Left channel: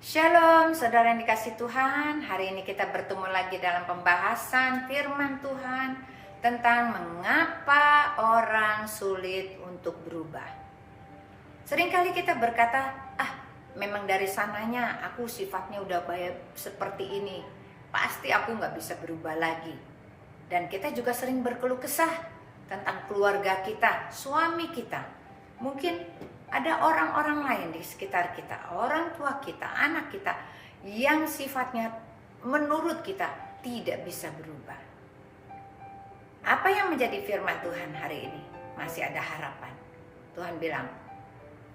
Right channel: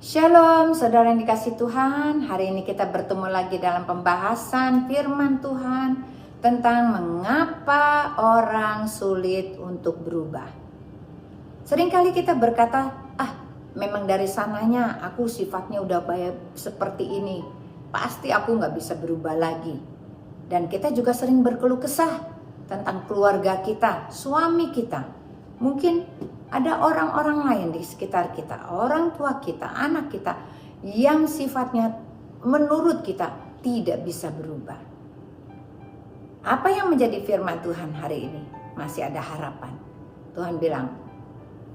Shalom, saudara yang dikasih Tuhan. Hari ini kita bertemu lagi dalam pembahasan firman Tuhan tentang mengapa orang sulit untuk berubah. Seringkali kita berkata, memang dari sananya aku sifatnya udah baik seperti ini. Pasti aku gak bisa berubah lagi. Dan kita juga sering berkeluh kesah tentang keluarga kita, suami kita. Mungkin ada orang-orang lain di sekitar kita, orang tua kita, anak kita, yang sifatnya menurut kita tidak bisa berubah. Apa yang menjadi firman Tuhan hari ini? Masih ada harapan. Tuhan bilang,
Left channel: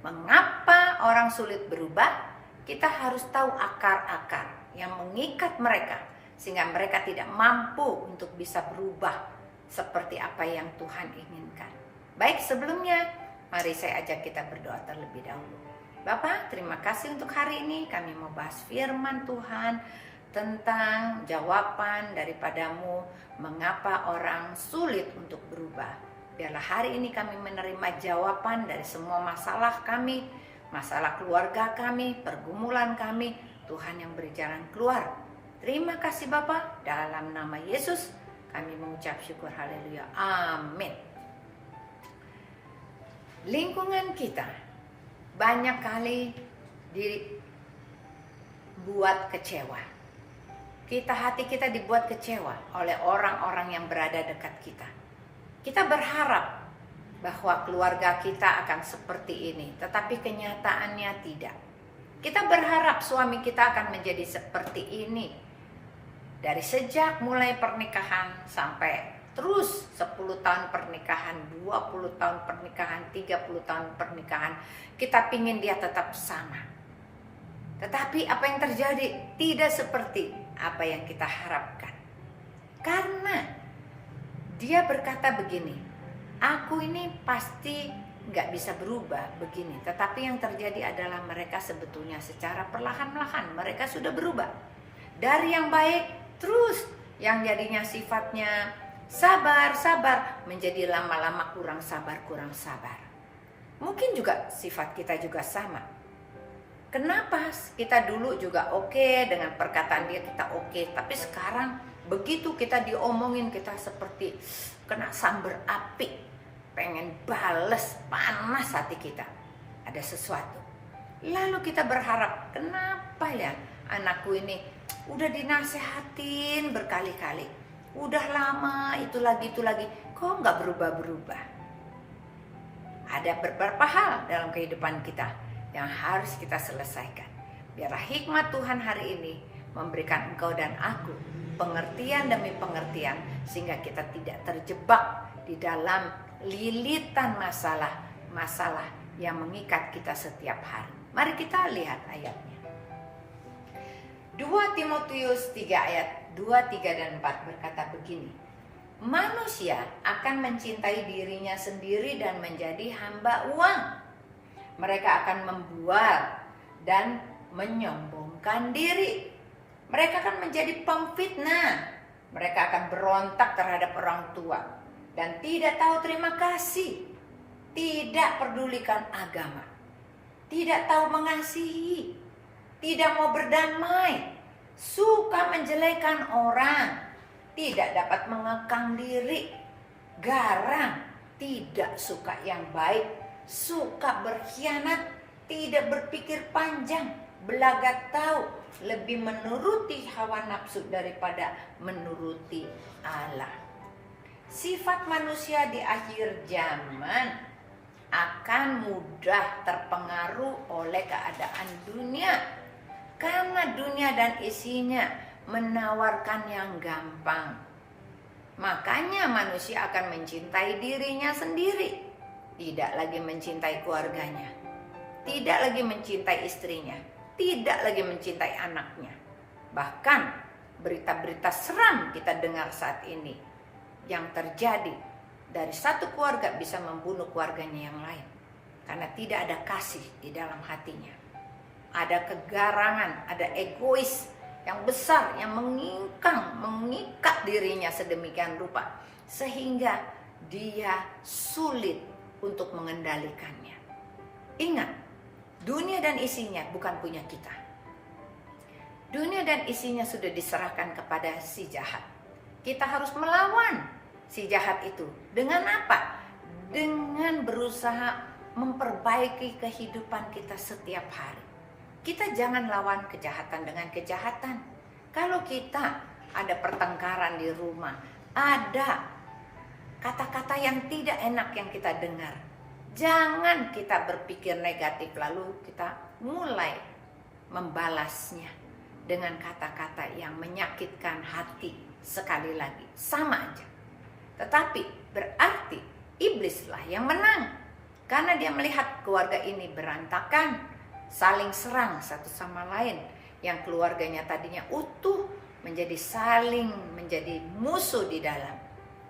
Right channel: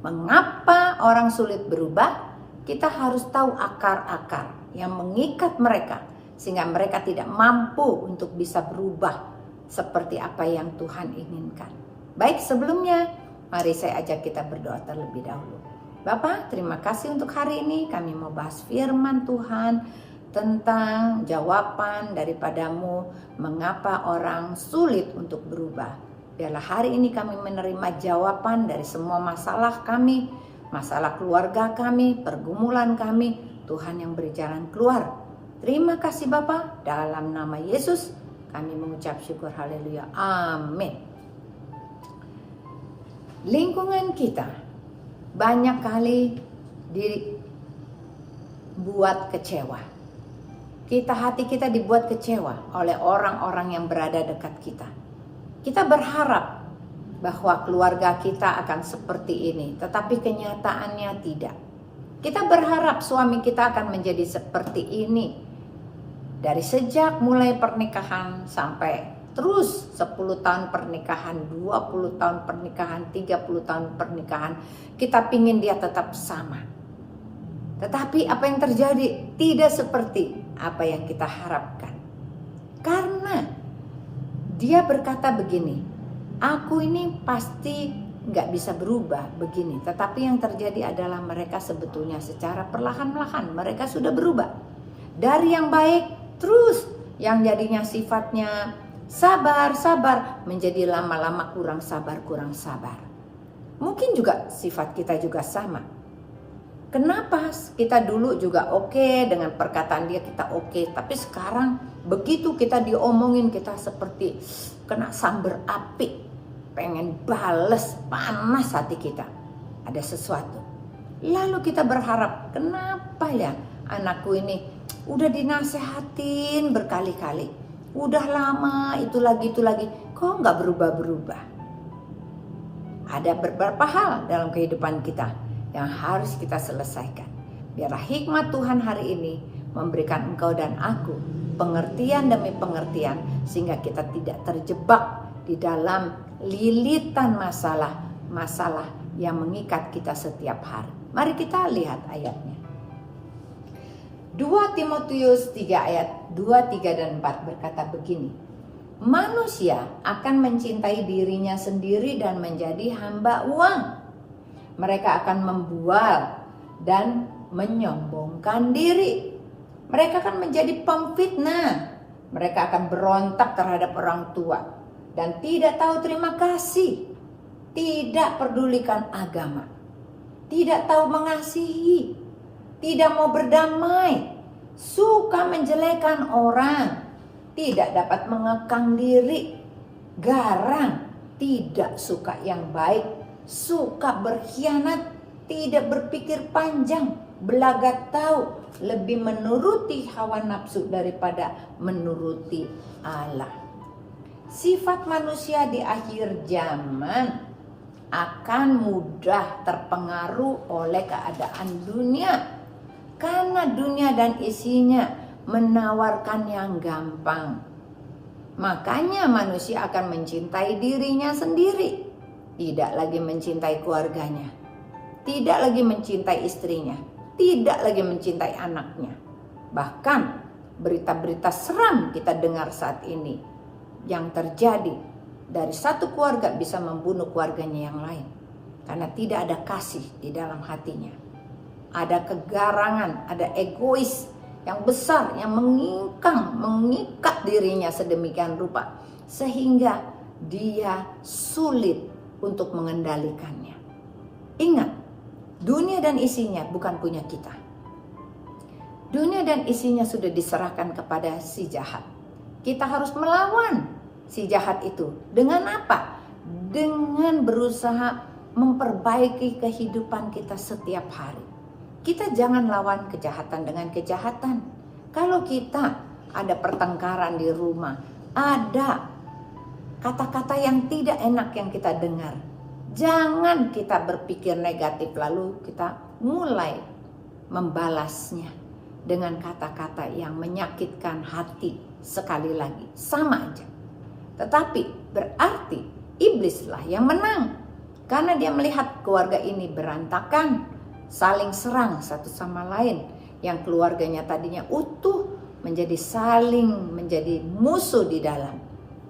mengapa orang sulit berubah? Kita harus tahu akar-akar yang mengikat mereka, sehingga mereka tidak mampu untuk bisa berubah seperti apa yang Tuhan inginkan. Baik, sebelumnya mari saya ajak kita berdoa terlebih dahulu. Bapa, terima kasih untuk hari ini. Kami mau bahas firman Tuhan tentang jawaban daripadamu mengapa orang sulit untuk berubah. Biarlah hari ini kami menerima jawaban dari semua masalah kami, masalah keluarga kami, pergumulan kami. Tuhan yang beri jalan keluar. Terima kasih Bapa, dalam nama Yesus kami mengucap syukur, haleluya, amin. Lingkungan kita banyak kali dibuat kecewa. Hati kita dibuat kecewa oleh orang-orang yang berada dekat kita. Kita berharap bahwa keluarga kita akan seperti ini, tetapi kenyataannya tidak. Kita berharap suami kita akan menjadi seperti ini. Dari sejak mulai pernikahan sampai terus 10 tahun pernikahan, 20 tahun pernikahan, 30 tahun pernikahan, kita pingin dia tetap sama. Tetapi apa yang terjadi tidak seperti apa yang kita harapkan. Karena dia berkata begini, aku ini pasti gak bisa berubah begini. Tetapi yang terjadi adalah mereka sebetulnya secara perlahan-lahan mereka sudah berubah. Dari yang baik terus yang jadinya sifatnya sabar menjadi lama-lama kurang sabar. Mungkin juga sifat kita juga sama. Kenapa kita dulu juga oke, dengan perkataan dia kita oke, tapi sekarang begitu kita diomongin kita seperti kena sambar api, pengen bales, panas hati kita. Ada sesuatu. Lalu kita berharap, kenapa ya anakku ini udah dinasehatin berkali-kali, udah lama itu lagi, kok nggak berubah-berubah? Ada beberapa hal dalam kehidupan kita yang harus kita selesaikan. Biarlah hikmat Tuhan hari ini memberikan engkau dan aku pengertian demi pengertian, sehingga kita tidak terjebak di dalam lilitan masalah yang mengikat kita setiap hari. Mari kita lihat ayatnya. 2 Timotius 3 ayat 2, 3, dan 4 berkata begini. Manusia akan mencintai dirinya sendiri dan menjadi hamba uang. Mereka akan membual dan menyombongkan diri. Mereka akan menjadi pemfitnah. Mereka akan berontak terhadap orang tua dan tidak tahu terima kasih. Tidak pedulikan agama. Tidak tahu mengasihi. Tidak mau berdamai, suka menjelekan orang, tidak dapat mengekang diri, garang, tidak suka yang baik, suka berkhianat, tidak berpikir panjang, belagat tahu, lebih menuruti hawa nafsu daripada menuruti Allah. Sifat manusia di akhir zaman akan mudah terpengaruh oleh keadaan dunia. Karena dunia dan isinya menawarkan yang gampang. Makanya manusia akan mencintai dirinya sendiri. Tidak lagi mencintai keluarganya. Tidak lagi mencintai istrinya. Tidak lagi mencintai anaknya. Bahkan berita-berita seram kita dengar saat ini. Yang terjadi dari satu keluarga bisa membunuh keluarganya yang lain. Karena tidak ada kasih di dalam hatinya. Ada kegarangan, ada egois yang besar yang mengikat dirinya sedemikian rupa sehingga dia sulit untuk mengendalikannya. Ingat, dunia dan isinya bukan punya kita. Dunia dan isinya sudah diserahkan kepada si jahat. Kita harus melawan si jahat itu. Dengan apa? Dengan berusaha memperbaiki kehidupan kita setiap hari. Kita jangan lawan kejahatan dengan kejahatan. Kalau kita ada pertengkaran di rumah, ada kata-kata yang tidak enak yang kita dengar, jangan kita berpikir negatif lalu kita mulai membalasnya dengan kata-kata yang menyakitkan hati. Sekali lagi, sama aja. Tetapi berarti iblislah yang menang, karena dia melihat keluarga ini berantakan, saling serang satu sama lain. Yang keluarganya tadinya utuh menjadi musuh di dalam.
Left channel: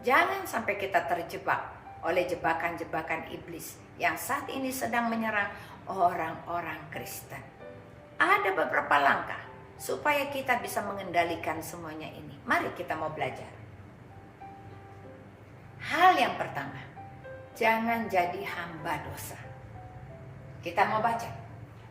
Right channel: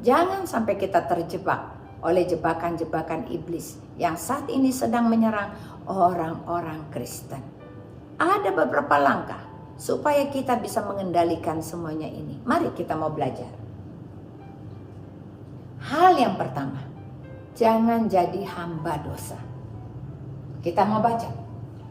Jangan sampai kita terjebak oleh jebakan-jebakan iblis yang saat ini sedang menyerang orang-orang Kristen. Ada beberapa langkah supaya kita bisa mengendalikan semuanya ini. Mari kita mau belajar. Hal yang pertama, jangan jadi hamba dosa. Kita mau baca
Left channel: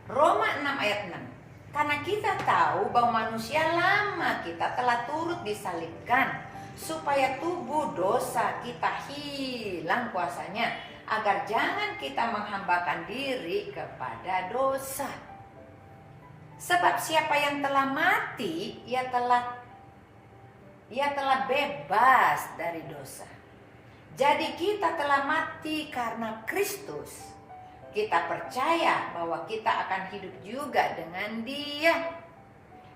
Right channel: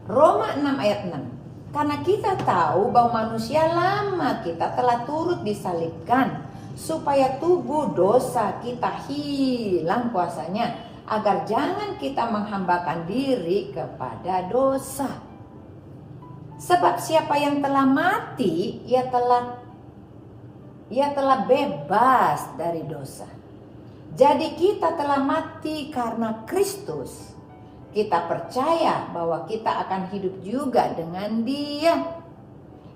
Roma 6 ayat 6. Karena kita tahu bahwa manusia lama kita telah turut disalibkan, supaya tubuh dosa kita hilang kuasanya, agar jangan kita menghambakan diri kepada dosa. Sebab siapa yang telah mati, ia telah bebas dari dosa. Jadi kita telah mati karena Kristus. Kita percaya bahwa kita akan hidup juga dengan Dia.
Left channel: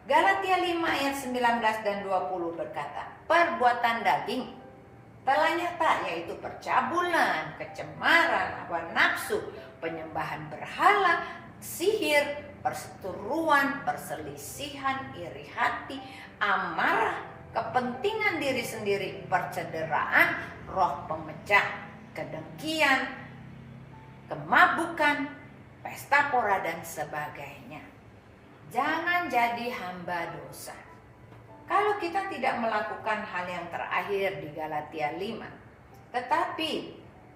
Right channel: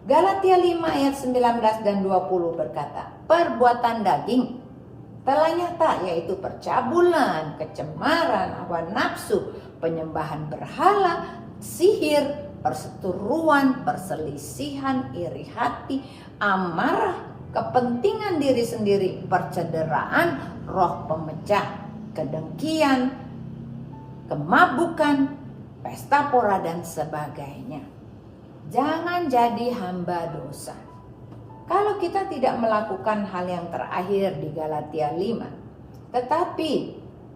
Galatia 5 ayat 19 dan 20 berkata, perbuatan daging telah nyata, yaitu percabulan, kecemaran, hawa nafsu, penyembahan berhala, sihir, perseteruan, perselisihan, iri hati, amarah, kepentingan diri sendiri, percederaan, roh pemecah, kedengkian, kemabukan, pesta pora dan sebagainya. Jangan jadi hamba dosa. Kalau kita tidak melakukan hal yang terakhir di Galatia 5, tetapi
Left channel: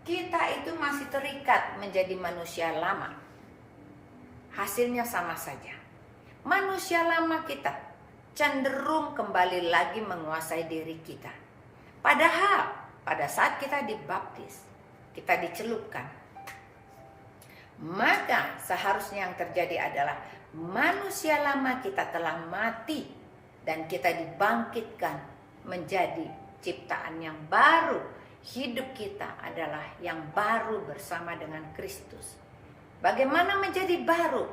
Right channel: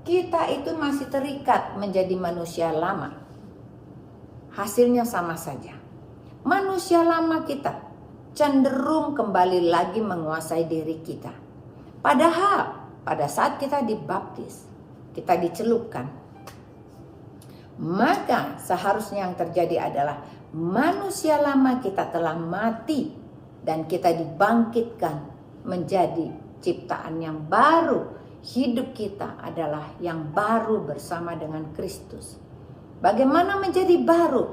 kita itu masih terikat menjadi manusia lama, hasilnya sama saja. Manusia lama kita cenderung kembali lagi menguasai diri kita. Padahal pada saat kita dibaptis, kita dicelupkan, maka seharusnya yang terjadi adalah manusia lama kita telah mati dan kita dibangkitkan menjadi ciptaan yang baru. Hidup kita adalah yang baru bersama dengan Kristus. Bagaimana menjadi baru?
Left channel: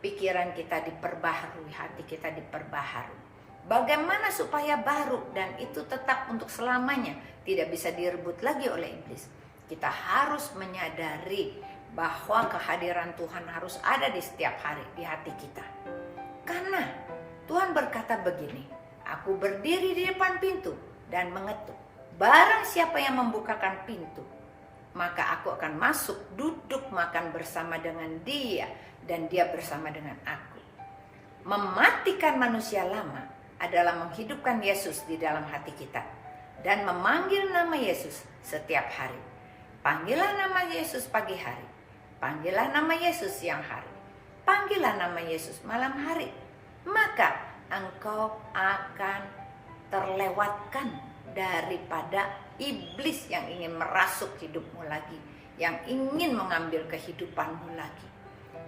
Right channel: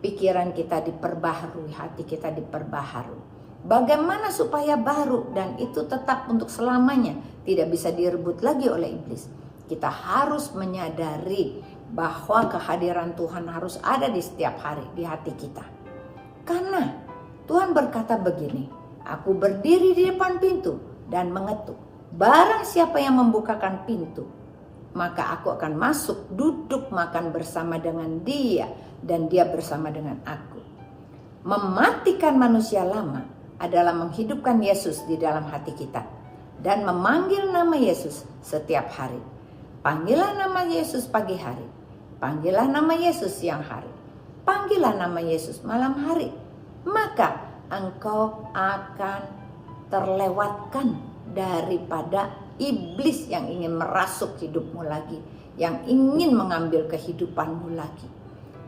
Pikiran kita diperbaharui, hati kita diperbaharui. Bagaimana supaya baru dan itu tetap untuk selamanya, tidak bisa direbut lagi oleh iblis. Kita harus menyadari bahwa kehadiran Tuhan harus ada di setiap hari di hati kita. Karena Tuhan berkata begini, aku berdiri di depan pintu dan mengetuk. Barang siapa yang membukakan pintu, maka aku akan masuk, duduk makan bersama dengan dia, dan dia bersama dengan aku. Mematikan manusia lama adalah menghidupkan Yesus di dalam hati kita dan memanggil nama Yesus setiap hari. Panggillah nama Yesus pagi hari, panggillah nama Yesus siang hari, panggillah nama Yesus malam hari. Maka engkau akan terlewatkan daripada iblis yang ingin merasuk hidupmu lagi, yang ingin mengambil kehidupanmu lagi.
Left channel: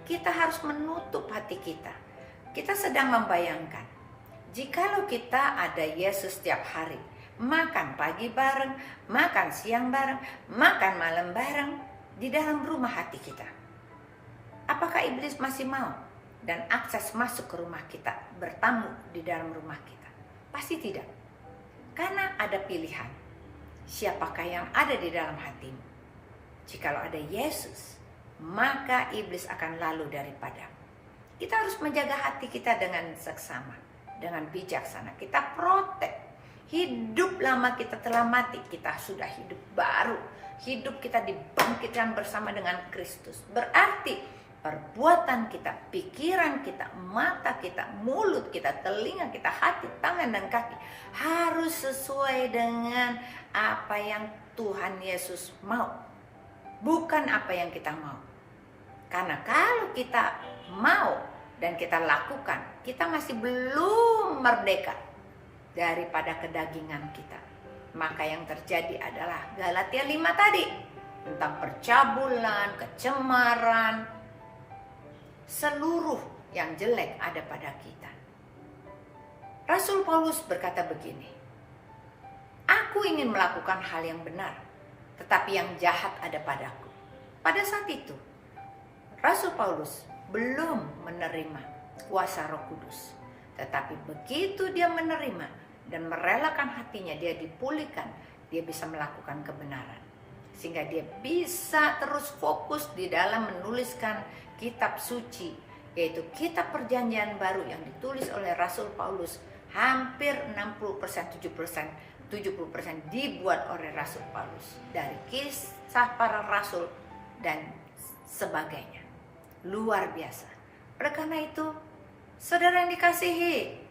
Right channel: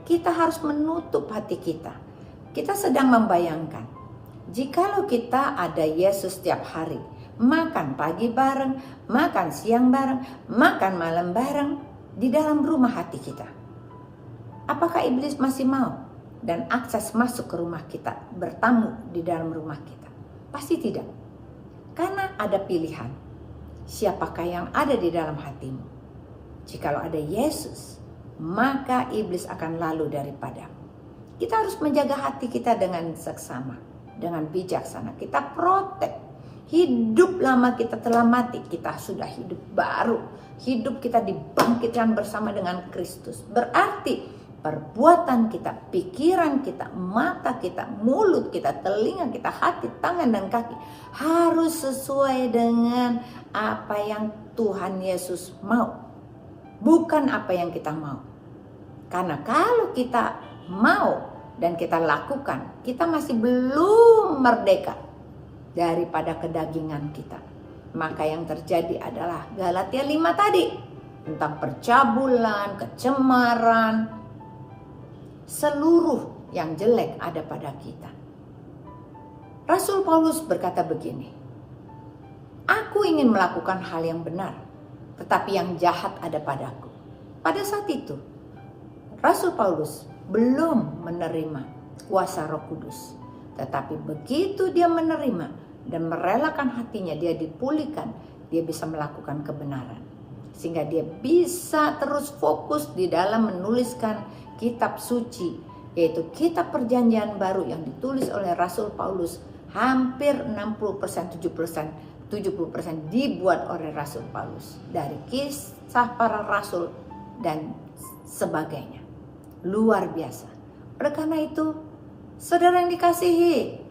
Kita harus menutup hati kita. Kita sedang membayangkan, jikalau kita ada Yesus setiap hari, makan pagi bareng, makan siang bareng, makan malam bareng di dalam rumah hati kita. Apakah iblis masih mau dan akses masuk ke rumah kita, bertamu di dalam rumah kita? Pasti tidak. Karena ada pilihan. Siapakah yang ada di dalam hatimu? Jikalau ada Yesus, maka iblis akan lalu daripadamu. Kita harus menjaga hati kita dengan seksama, dengan bijaksana. Kita protek. Hidup lama kita telah mati, kita sudah hidup baru. Hidup kita dibangkitkan bersama dengan Kristus. Berarti perbuatan kita, pikiran kita, mata kita, mulut kita, telinga kita, hati, tangan dan kaki harus sesuai dengan apa yang Tuhan Yesus mau, bukan apa yang kita mau. Karena kalau kita mau dan kita lakukan, kita masih belum merdeka daripada kedagingan kita. Maka yang terjadi adalah Galatia 5 tadi, tentang percabulan, kecemaran, seluruh yang jelek ada pada kita. Rasul Paulus berkata begini, aku ingin melakukan hal yang benar, tetapi yang jahat ada padaku. Pada saat itu, Rasul Paulus belum menerima kuasa Roh Kudus. Tetapi begitu dia menerima dan merelakan hatinya, dia dipulihkan, dia bisa melakukan kebenaran. Sehingga dia bisa terus fokus di dalam menuliskan kitab suci, yaitu kitab perjanjian baru yang ditulis oleh Rasul Paulus. Hampir 60%, 70% dibuat oleh Rasul Paulus. Dari kisah para rasul dan sebagainya. Luar biasa. Oleh karena itu, saudara yang dikasihi,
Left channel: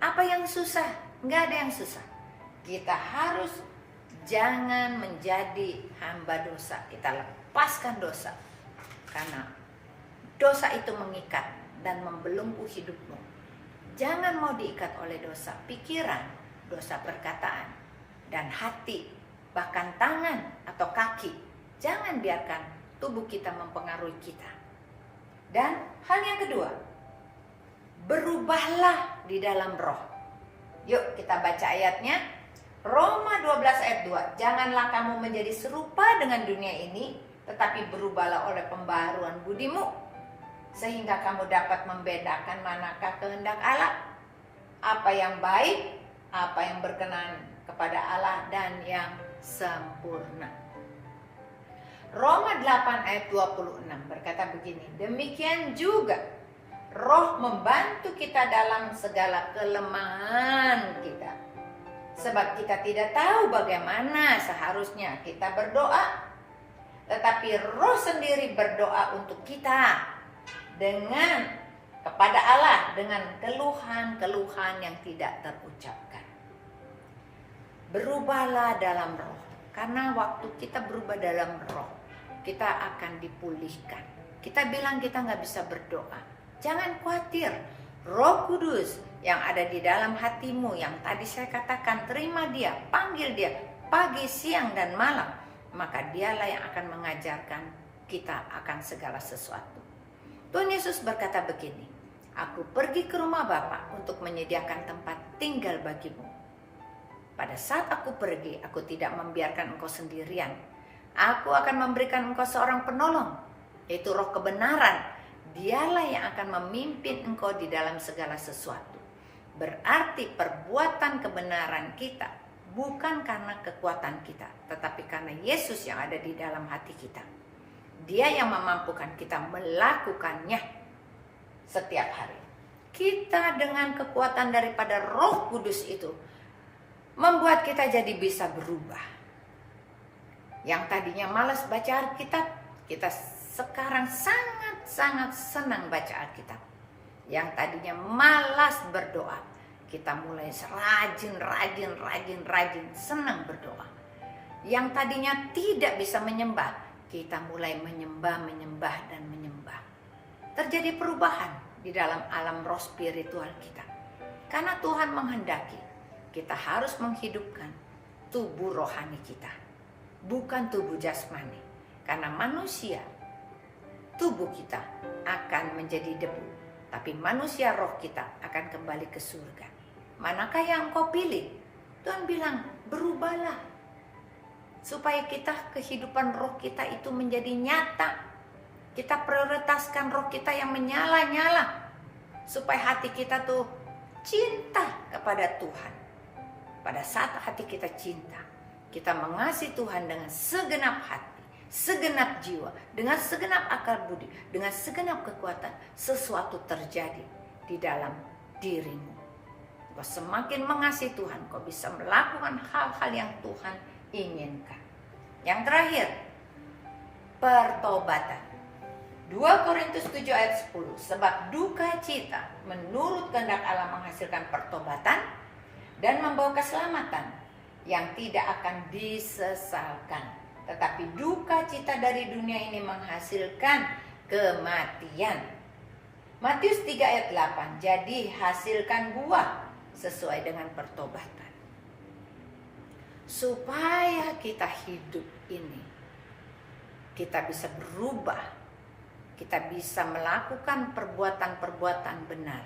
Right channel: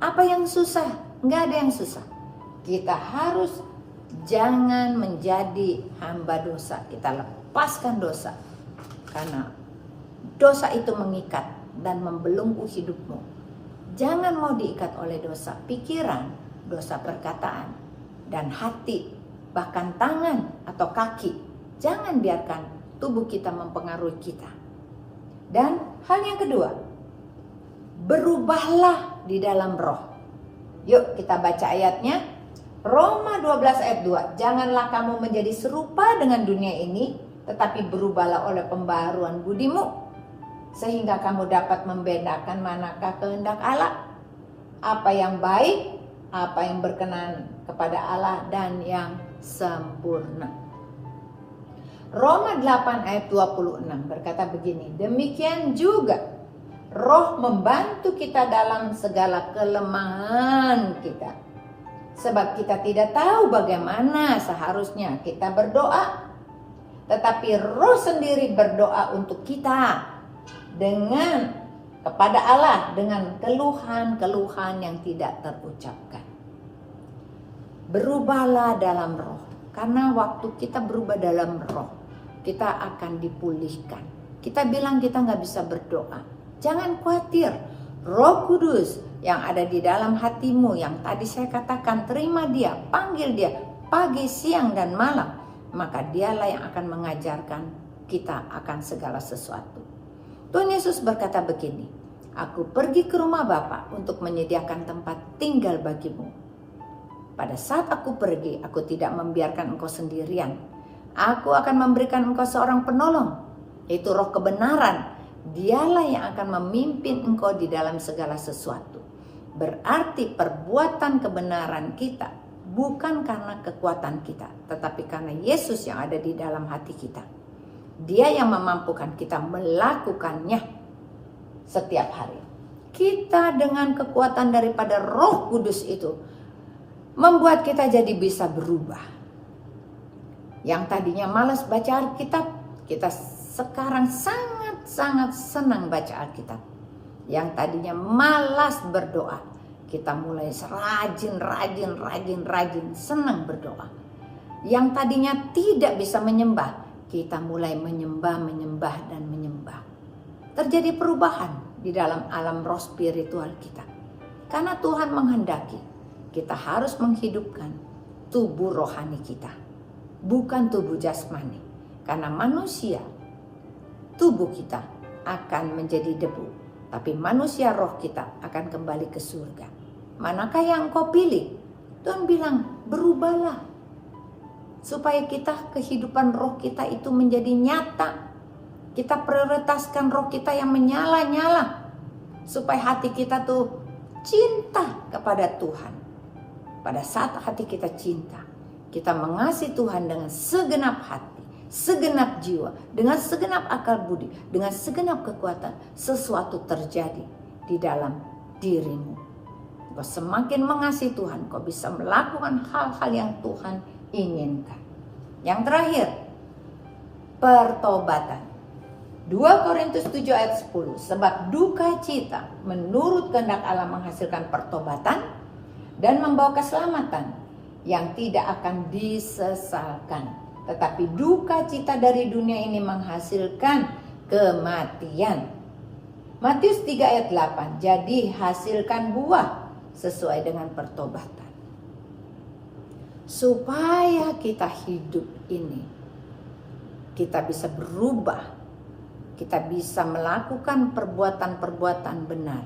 apa yang susah? Nggak ada yang susah. Kita harus jangan menjadi hamba dosa. Kita lepaskan dosa. Karena dosa itu mengikat dan membelenggu hidupmu. Jangan mau diikat oleh dosa pikiran, dosa perkataan, dan hati, bahkan tangan atau kaki. Jangan biarkan tubuh kita mempengaruhi kita. Dan hal yang kedua, berubahlah di dalam roh. Yuk kita baca ayatnya. Roma 12 ayat 2. Janganlah kamu menjadi serupa dengan dunia ini, tetapi berubahlah oleh pembaharuan budimu, sehingga kamu dapat membedakan manakah kehendak Allah, apa yang baik, apa yang berkenan kepada Allah, dan yang sempurna. Roma 8 ayat 26 berkata begini, demikian juga Roh membantu kita dalam segala kelemahan kita. Sebab kita tidak tahu bagaimana seharusnya kita berdoa, tetapi Roh sendiri berdoa untuk kita kepada Allah dengan keluhan-keluhan yang tidak terucapkan. Berubahlah dalam roh. Karena waktu kita berubah dalam roh, kita akan dipulihkan. Kita bilang kita nggak bisa berdoa. Jangan khawatir. Roh Kudus yang ada di dalam hatimu, yang tadi saya katakan, terima dia, panggil dia pagi, siang, dan malam. Maka dialah yang akan mengajarkan kita akan segala sesuatu. Tuhan Yesus berkata begini, aku pergi ke rumah Bapa untuk menyediakan tempat tinggal bagimu. Pada saat aku pergi, aku tidak membiarkan engkau sendirian. Aku akan memberikan engkau seorang penolong, yaitu Roh kebenaran. Dialah yang akan memimpin engkau di dalam segala sesuatu. Berarti perbuatan kebenaran kita bukan karena kekuatan kita, tetapi karena Yesus yang ada di dalam hati kita. Dia yang memampukan kita melakukannya setiap hari. Kita dengan kekuatan daripada Roh Kudus itu membuat kita jadi bisa berubah. Yang tadinya malas baca Alkitab, kita sekarang sangat-sangat senang baca Alkitab. Yang tadinya malas berdoa, kita mulai rajin senang berdoa. Yang tadinya tidak bisa menyembah, kita mulai menyembah. Terjadi perubahan di dalam alam roh spiritual kita. Karena Tuhan menghendaki kita harus menghidupkan tubuh rohani kita, bukan tubuh jasmani. Karena manusia, tubuh kita akan menjadi debu, tapi manusia roh kita akan kembali ke surga. Manakah yang kau pilih? Tuhan bilang, berubahlah. Supaya kita, kehidupan roh kita itu menjadi nyata. Kita prioritaskan roh kita yang menyala-nyala. Supaya hati kita tuh cinta kepada Tuhan. Pada saat hati kita cinta, kita mengasihi Tuhan dengan segenap hati, segenap jiwa, dengan segenap akal budi, dengan segenap kekuatan. Sesuatu terjadi di dalam dirimu. Kau semakin mengasihi Tuhan, kau bisa melakukan hal-hal yang Tuhan inginkan. Yang terakhir, pertobatan. 2 Korintus 7 ayat 10. Sebab duka cita menurut kehendak Allah menghasilkan pertobatan dan membawa keselamatan yang tidak akan disesalkan. Tetapi duka cita dari dunia ini menghasilkan kematian. Matius 3 ayat 8. Jadi hasilkan buah sesuai dengan pertobatan. Supaya kita hidup ini, kita bisa berubah, kita bisa melakukan perbuatan-perbuatan benar.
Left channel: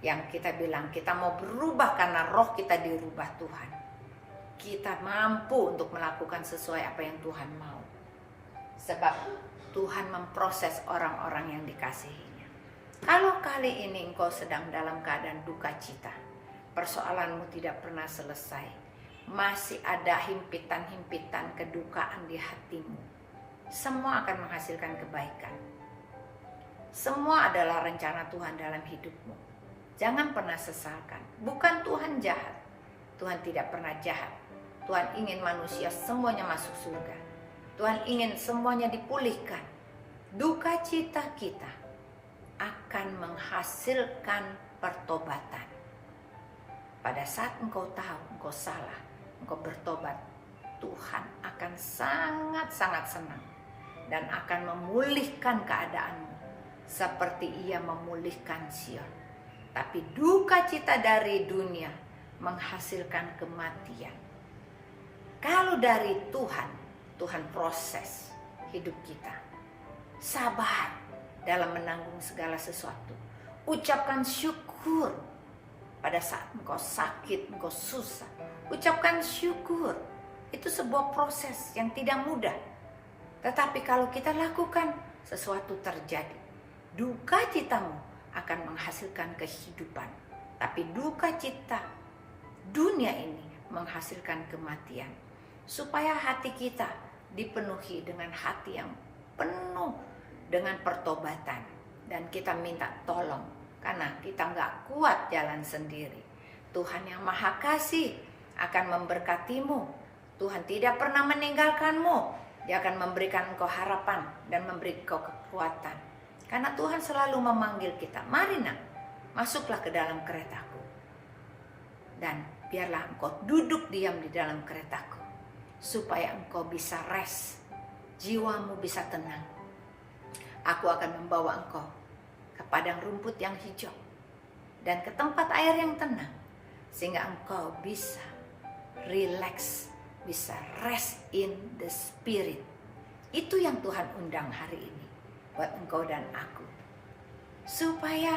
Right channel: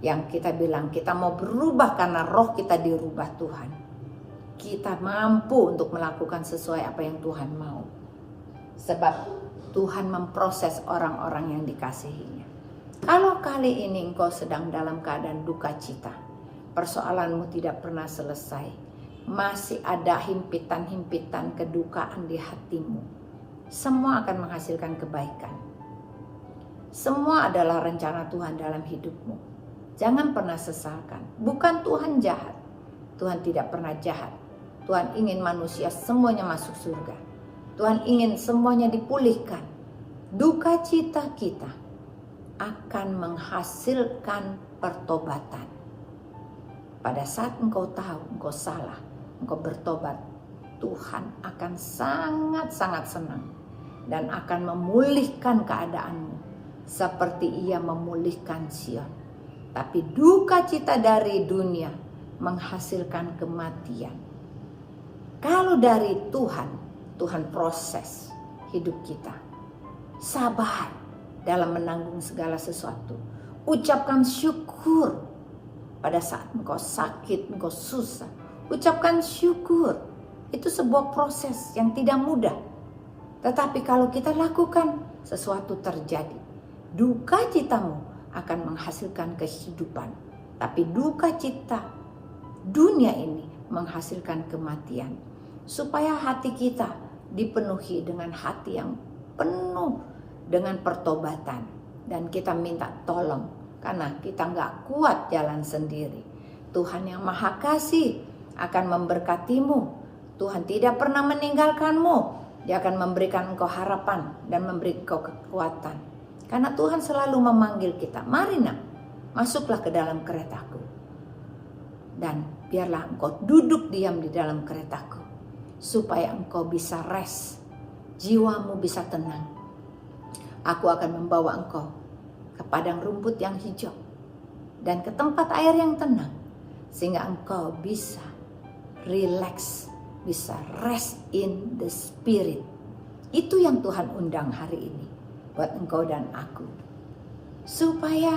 Yang kita bilang kita mau berubah karena roh kita dirubah Tuhan. Kita mampu untuk melakukan sesuai apa yang Tuhan mau. Sebab Tuhan memproses orang-orang yang dikasihinya. Kalau kali ini engkau sedang dalam keadaan duka cita, persoalanmu tidak pernah selesai, masih ada himpitan-himpitan kedukaan di hatimu, semua akan menghasilkan kebaikan. Semua adalah rencana Tuhan dalam hidupmu. Jangan pernah sesalkan. Bukan Tuhan jahat. Tuhan tidak pernah jahat. Tuhan ingin manusia semuanya masuk surga. Tuhan ingin semuanya dipulihkan. Duka cita kita akan menghasilkan pertobatan. Pada saat engkau tahu engkau salah, engkau bertobat, Tuhan akan sangat-sangat senang dan akan memulihkan keadaanmu seperti Ia memulihkan Sion. Tapi duka cita dari dunia menghasilkan kematian. Kalau dari Tuhan, Tuhan proses hidup kita. Sabar dalam menanggung segala sesuatu. Ucapkan syukur pada saat engkau sakit, engkau susah. Ucapkan syukur. Itu sebuah proses yang tidak mudah. Tetapi kalau kita lakukan, sesuatu terjadi. Duka citamu akan menghasilkan kehidupan. Tapi duka cita dunia ini menghasilkan kematian. Supaya hati kita dipenuhi dengan hati yang penuh dengan pertobatan. Dan kita minta tolong. Karena kita nggak kuat jalan sendiri. Tuhan yang Maha Kasih akan memberkatimu. Tuhan tidak pernah meninggalkanmu. Dia akan memberikan engkau harapan dan memberi engkau kekuatan. Karena Tuhan selalu memanggil kita. Mari nak, masuklah ke dalam keretaku. Dan biarlah engkau duduk diam di dalam keretaku. Supaya engkau bisa rest. Jiwamu bisa tenang. Aku akan membawa engkau ke padang rumput yang hijau. Dan ke tempat air yang tenang. Sehingga engkau bisa relax. Bisa rest in the spirit. Itu yang Tuhan undang hari ini. Buat engkau dan aku. Supaya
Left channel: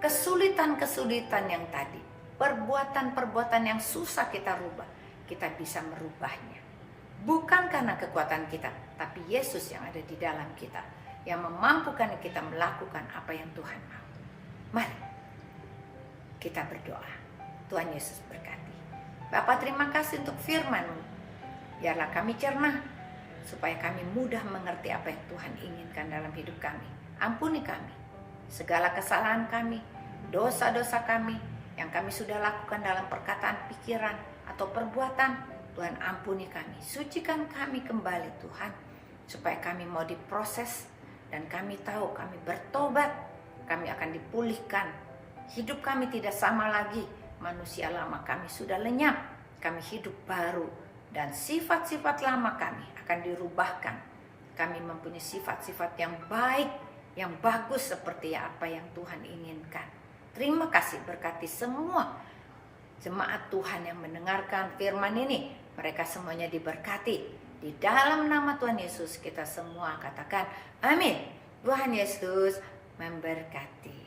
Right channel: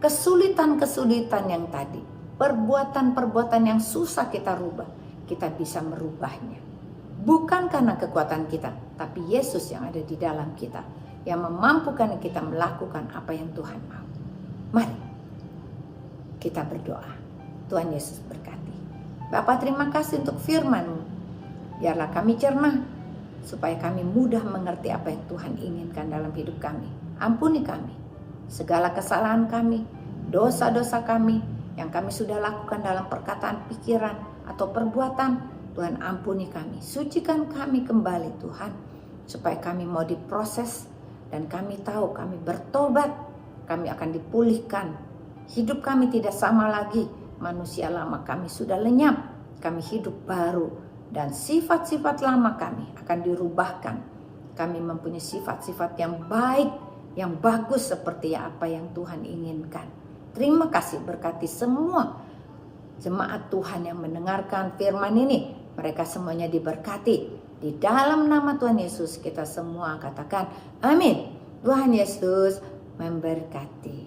kesulitan-kesulitan yang tadi. Perbuatan-perbuatan yang susah kita rubah. Kita bisa merubahnya. Bukan karena kekuatan kita. Tapi Yesus yang ada di dalam kita. Yang memampukan kita melakukan apa yang Tuhan mau. Mari kita berdoa. Tuhan Yesus berkati. Bapa, terima kasih untuk firman-Mu. Biarlah kami cerna, supaya kami mudah mengerti apa yang Tuhan inginkan dalam hidup kami. Ampuni kami, segala kesalahan kami, dosa-dosa kami, yang kami sudah lakukan dalam perkataan, pikiran, atau perbuatan. Tuhan ampuni kami, sucikan kami kembali Tuhan, supaya kami mau diproses, dan kami tahu kami bertobat, kami akan dipulihkan. Hidup kami tidak sama lagi. Manusia lama kami sudah lenyap. Kami hidup baru. Dan sifat-sifat lama kami akan dirubahkan. Kami mempunyai sifat-sifat yang baik, yang bagus seperti apa yang Tuhan inginkan. Terima kasih, berkati semua jemaat Tuhan yang mendengarkan firman ini. Mereka semuanya diberkati. Di dalam nama Tuhan Yesus kita semua katakan amin. Tuhan Yesus memberkati.